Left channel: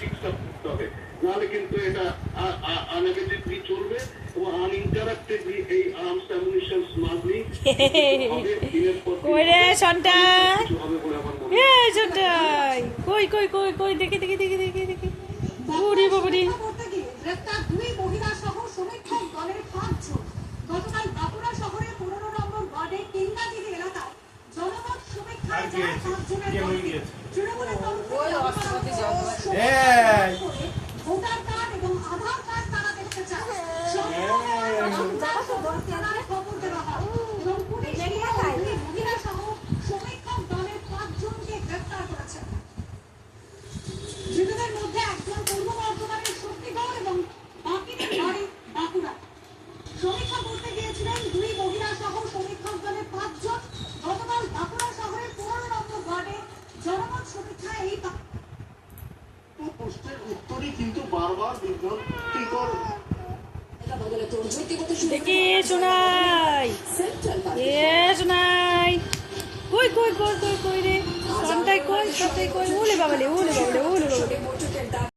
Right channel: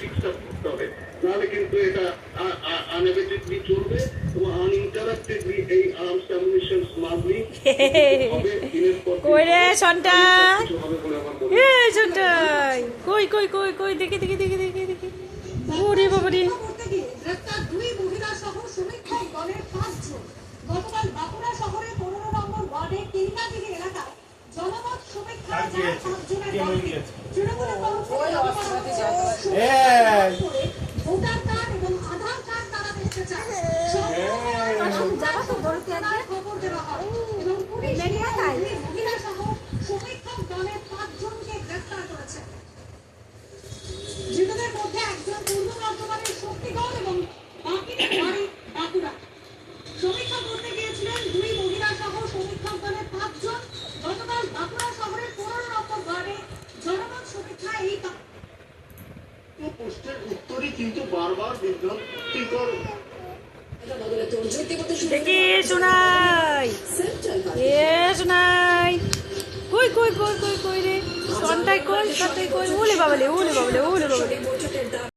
শিক্ষা করতে হবে, নাহলে কিন্তু এটা আনএভিটেডলি চলবে এবং আনইন্টারাপ্টেডলি এই আর্মস অ্যামুনিশন স্মাগলিং হবে দিনের পর দিন। কই রে সন্টাই, কিছু হবে বলে আমার মনে এ সন্টাই, কই কই কই কই দেখি দেখি দেখি দেখি দেখি, ওরে বাবা রে। গ্রেপ্তার দুই মহিলা সহ সমীক্ষক দলের 5 জন। গতকাল বাঁকুড়া শহরের 15 নম্বর ওয়ার্ডের তিনগাদিঘি এলাকায় জনমত সমীক্ষায় যায় 5 জনের দলটি। তৃণমূলের ভোটার কার্ড এবং আধার কার্ড তারা দেখতে চায়। খবর দেওয়া হয় এবং পুলিশ মহিলা সহ সমীক্ষক দলের 5 জনকে গ্রেপ্তার করেছে। ধৃতদের মধ্যে একজন পূর্ব বর্ধমানের শক্তিগড় এবং বাকিদের বাড়ি বাঁকুড়া। সমীক্ষা করতে গিয়েছিলেন দুই মহিলা সহ সমীক্ষক দলের 5 জন। গতকাল বাঁকুড়া শহরের 15 নম্বর ওয়ার্ডে জনমত সমীক্ষা এই প্রশ্নের উত্তরই কিন্তু বারবার বিভ্রান্তিকর। দেখি শোনাই, এ শোনাই, কই কই কই কই কই রে সন্টাই, কই সন্টাই কই, ওলে বাবালে ওলে বাবালে ওলে বাবালে।